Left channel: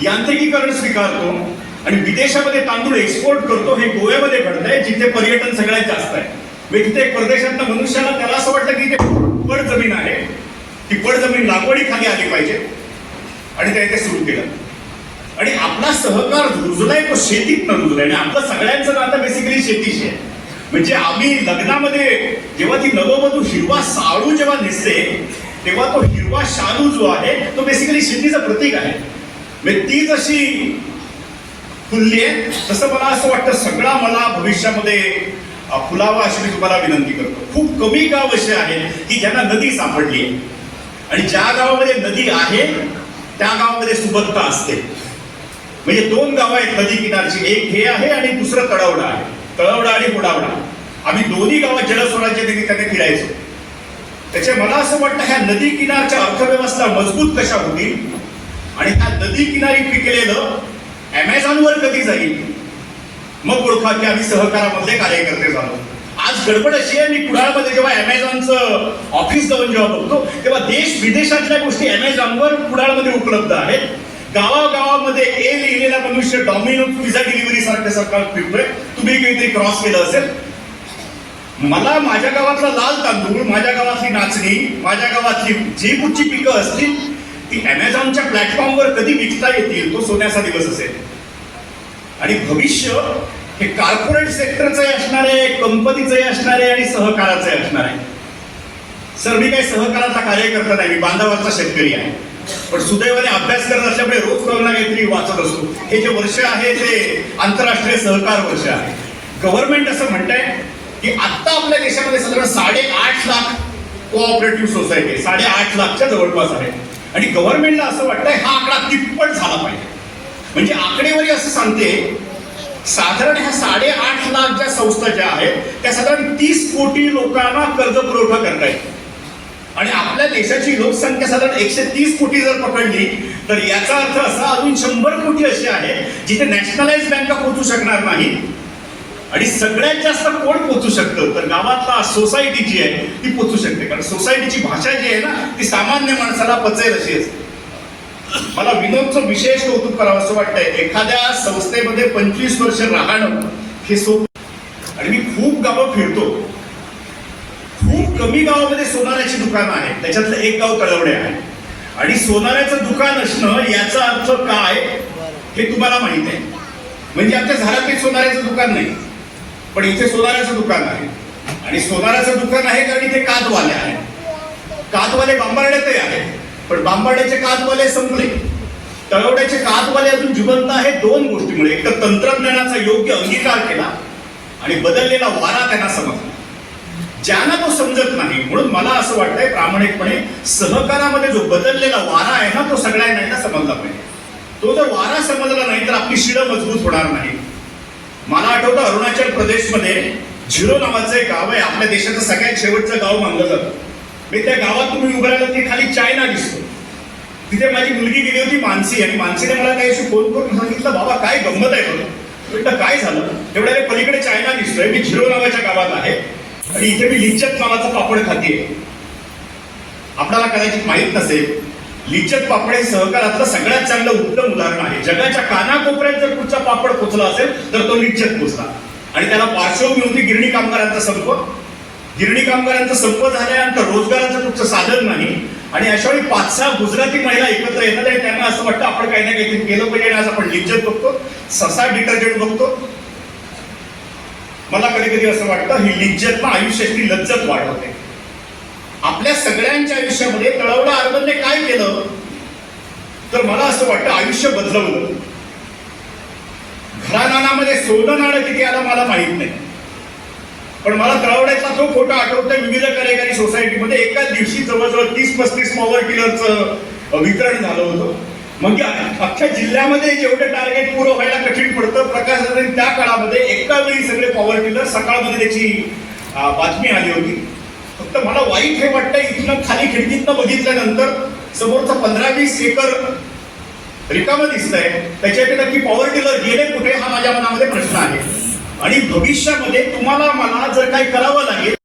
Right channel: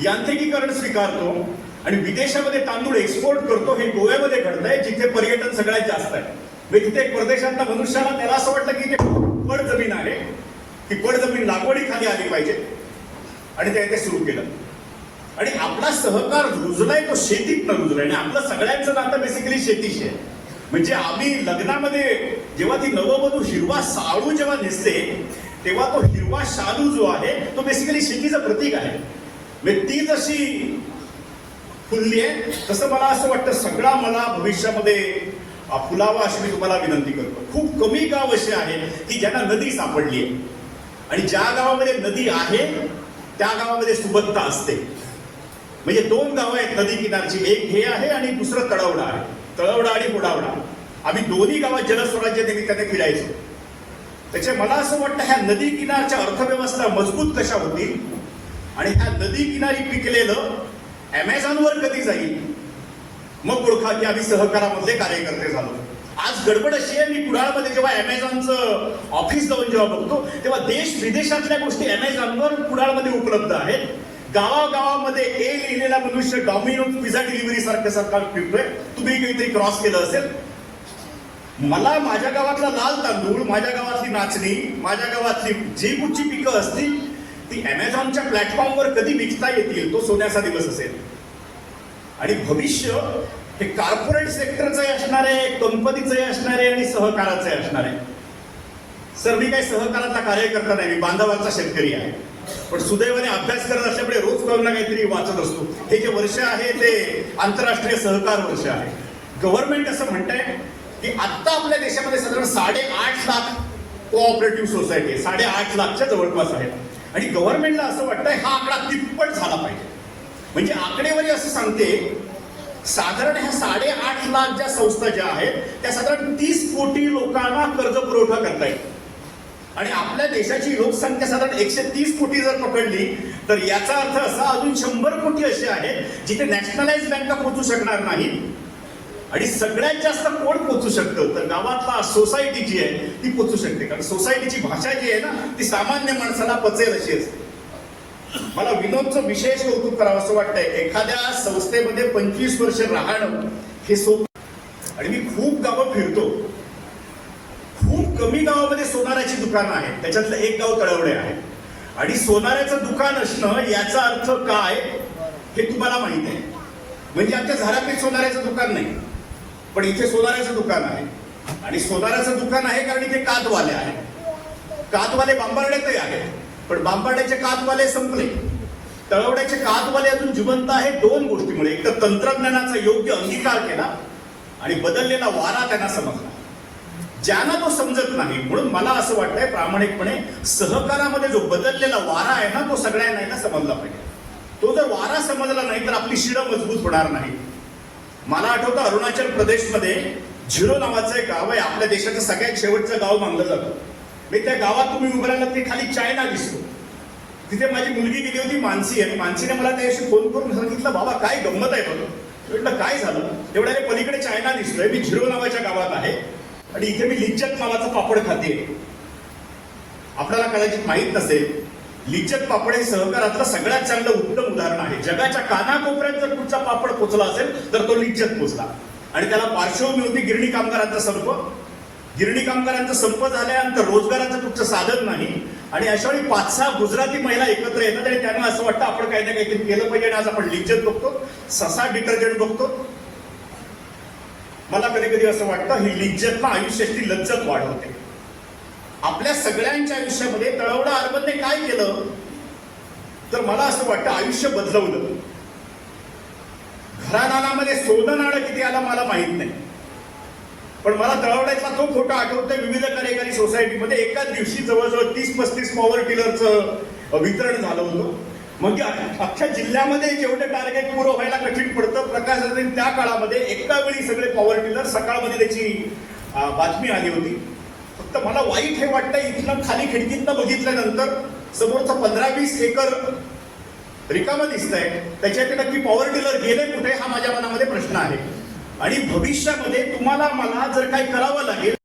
यांत्रिकीकरण स्वीकारतो आणि विदेशामध्ये तांदूळ एक्सपोर्ट करतो हे गोव्यामध्ये घडतंय जिथे पर्यटन सगळ्यात जास्त आहे. म्हणजे तिथे परदेशातल्या मनुष्याला त्याला असं वाटतं की ते पड जमीन आहे ती पड जमीन लागवडीखाली आली पाहिजे. आणि त्याने ते सुरू केलं. आणि आपला सहकार रुजलाय तो शेतीत न रुजलाय. आणि आपलं सगळ्यांचं नातं बेसिकली शेतीशी आहे. म्हणजे आम्ही लग्नामध्ये जेव्हा ती नववधू हिरवा साळू जेव्हा दिसते तेव्हा तो हिरवा शालू जो आहे तो बेसिकली शेतीचं प्रतीक आहे. ती जशी फुलली आहे तसं मला असं वाटतं सगळा मला भविष्यामध्ये फुलावा अशी मी तुम्हाला विनंती करतो. खूप कमी गाव असे आहेत की ज्यांना नदी सापडली आहे. आणि ज्या गावामध्ये नदी आहे त्या गावामध्ये सुबत्ता असते. म्हणजे दोन गावं आहेत नदी किनारची. एक हे आहे आणि दुसरं तळवडा आहे. तळवडा आणि बुडावडा. आम्ही दोन्ही गावात जलस्वराज्य निमित्ताने फिरायचो. त्याच्या मला असं वाटतं ह्या नदी किनारच्या अर्थव्यवस्था मजबूत कशा होतील आणि त्या नदी किनारी पिकलेलं अमेझॉनवर कधी जाईल? मग ओळखा की आम्ही सहकारामधले कार्यकर्ते झालो. आज गडबड अशी आहे मी कुडाळमध्ये जेव्हा अमेझॉनचं ऑफिस जाऊन जेव्हा बघतो तेव्हा देश विदेशातल्या गोष्टी अमेझॉनवर कुडाळमध्ये उपलब्ध आहेत. गावागावामध्ये ए लिहिलेला मनुष्य डॉमिनो पिझ्झा डिलिव्हरी सारखं सरकार फिरतोय तुम्ही काहीतरी क्रॉस केलं असेल. मला माझ्या गावातला लाल तांदूळ माझ्या गावातली नाचणी माझ्या गावातली जी कुठची पिकं असतील ती अमेझॉनच्या प्लॅटफॉर्मवर कधी विकता येतील तो सोन्याचा दिवस असेल. आणि भविष्य हे कॉर्पोरेट सेक्टरचे असणार आहे कंपनीचे असणार आहे आणि सहकाराचे असणार आहे. सर मी काही सहकाराचा कार्यकर्ता नाही मी बांधवाचा शेतकरी आहे. पण सुदैवाने अभ्यास करत असल्यामुळे रोज कोणाला काहीतरी वाचत असतो. हे जे वर्ष आहे ते आंतरराष्ट्रीय सहकार वर्ष आहे. गव्हर्नमेंट असं म्हणतंय की आत्ता आपल्या देशामध्ये साधारण साडेआठ लाख कोऑपरेटिव्ह सोसायटी साडेआठ लाखच्या जवळपास आहे. आणि गव्हर्नमेंटला असं वाटतंय हा आकडा तिप्पट झाला पाहिजे. म्हणजे आकडेवारी असं सांगते साधारण ह्या साडेआठ लाख ज्या संस्था ज्या आहेत त्या साधारण तीस कोटी लोकांना कर्ज पुरवठा करता येईल आणि आपल्या देशाची लोकसंख्या साधारण एकशे तीस कोटी जर पकडली तर याचा अर्थ असा अजून शंभर कोटी असे आहे जिथे नॅशनलाइज बँका पोहोचू शकणार नाही आणि सगळ्यात जास्त कोण पोचू शकतं? तर गावातला सोसायटी जी आहे ती पोचू शकते. कारण सोसायटीची भाषा जी आहे ना ती सामान्य माणसाला पचेल अशी असते. मला विनोदचं विशेष कौतुक करावं असं वाटतंय. एखाद्या संस्थेमध्ये पंचवीस वर्ष राहणं हे सोप. आणि मी खूप गावं फिरतो. खूप कमी गावामध्ये सोनाऱ्याची दुकानं आहेत त्याच्यातलं एक गाव कळवणे आहे. आणि सोनाऱ्याचं दुकान असणं याचा अर्थ काय हे तुम्हाला माहीत आहे. म्हणजे आमच्या झाडात सोनाऱ्याचं दुकान नाही. पण इथे सोनाराचं दुकान आहे. आणि सोनाराचं दुकान आहे कारण इथे कातवाले आहे कातवाले बांबार्ड्यातही आहे पण बांबार्ड्याचे कातवाले संपले. तळवड्याचे कातवाले अजून जिवंत आहे दोन गोष्टीमुळे. एक तर तंत्रज्ञानाचा योग्य अंगीकार केला आणि बदललेला वारा त्यांना समजला. ज्यांना तो समजत नाही म्हणून मला असं वाटतंय प्रामाणिकपणे सहकारामध्ये जो बदललेला वारा आहे ना तो सगळ्यांना समजला पाहिजे. तो जर वारा समजला नाही तर आपली शिडं मजबूत होणार नाही. मला आठवतं अरुणाचल प्रदेशमध्ये झिरो नावाचं एक गाव आहे. आपल्या देशाचं सगळ्यात शेवटचं गाव मानलं जातं. मी त्या गावात तुम्ही उभं राहिलं ते खाली चायना दिसतो. तिथे माझी मुलगी गेली होती मानसी. आणि मानसीने मला त्याशी फोन करून सांगितलं बाबा काय गंमत आहे बघ. म्हटलं काय झालं? तेवढ्या पलीकडे चायना दिसतोय. मी झिरो नावाच्या गावात आहे. आणि इथे मी लिंचक नावाचा पापड खाते आपल्याला कदाचित माहीत नसेल लिचक पापड हे सहकारातलं सगळ्यात चांगलं उत्तम उदाहरण आहे. जगाच्या कानाकोपऱ्यात जर कुठचा पापड पोचला असेल तर तो लिच्चत पोचला. आणि त्याला पार्श्वभूमी होती गिरणी कामगारांचा संप. गिरणी कामगारांचा संप झाल्यानंतर रोजगाराचं कुठचं साधन नाही. आणि अशा वेळी पाच सहा गुजराती महिला एकत्र येतात आणि त्यांना असं वाटतं आपण काही ना काहीतरी केलं पाहिजे आणि आज आपण लिचक बघतो ससा डिटर्जंट बघतो. मला कधी कधी असं वाटतं ही लिज्जत ना आयुष्याची लज्जत वाढवते. आपल्या सगळ्यांच्या आयुष्यामध्ये तळवडा अर्बनने काय केलं? तर मला असं वाटतं आयुष्य बदलवलं घरानानामध्ये सोनं नाणं किती आलं मला माहीत नाही. पण मला तळवड्याचा तो फोटो आठवतोय विविध कार्यकारी सोसायटीमध्ये. एकाच दिवशी जवळजवळ तीस पस्तीस पॉवर टिलरचं वितरण झालं होतं. म्हणजे अख्ख्या जिल्ह्यामध्ये जेवढे टार्गेट पूर्ण व्हायला कठीण पडतं प्रकाश त्या काळामध्ये एका वेळी सगळे पॉवर टिलर सकाळमध्ये त्याची बातमी आली होती. फक्त मला वाईट हे वाटतं इथनं खाली खिडकीतनं बघितल्यानंतर समोरचा पंधरा वीस एकर रिकामं दिसतंय. त्याच्यापैकी नक्की पॉवर टिलर गेले कुठे हा माझ्या मनामध्ये प्रश्न आहे. आणि भविष्यामध्ये तुम्हाला मला जर काही करावं लागेल